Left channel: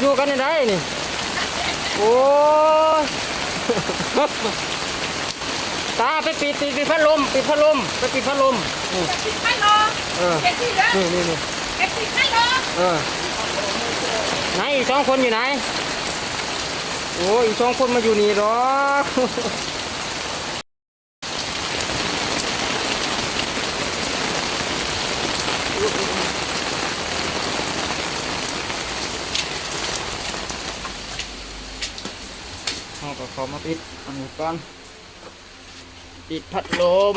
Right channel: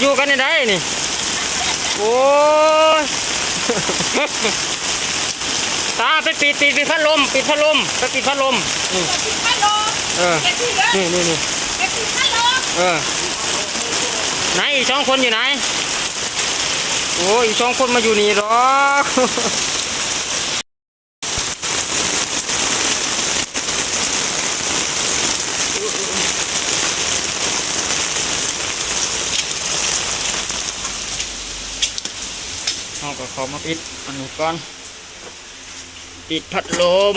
อยู่กันได้นี่โอ้ยตาไปปิดพัดลมปิดพัดลมไปปิดพัดลมนี่ ปิดพัดลม เออ เก็บที่เหลือ นี่ ไปปิดพัดลม ไหนอีกสองคนอยู่ไหนโอ้อีกสองคนมาอยู่นี่หรอกเอาก็ขอมาปิดอันนี้ก่อนปิดพัดลม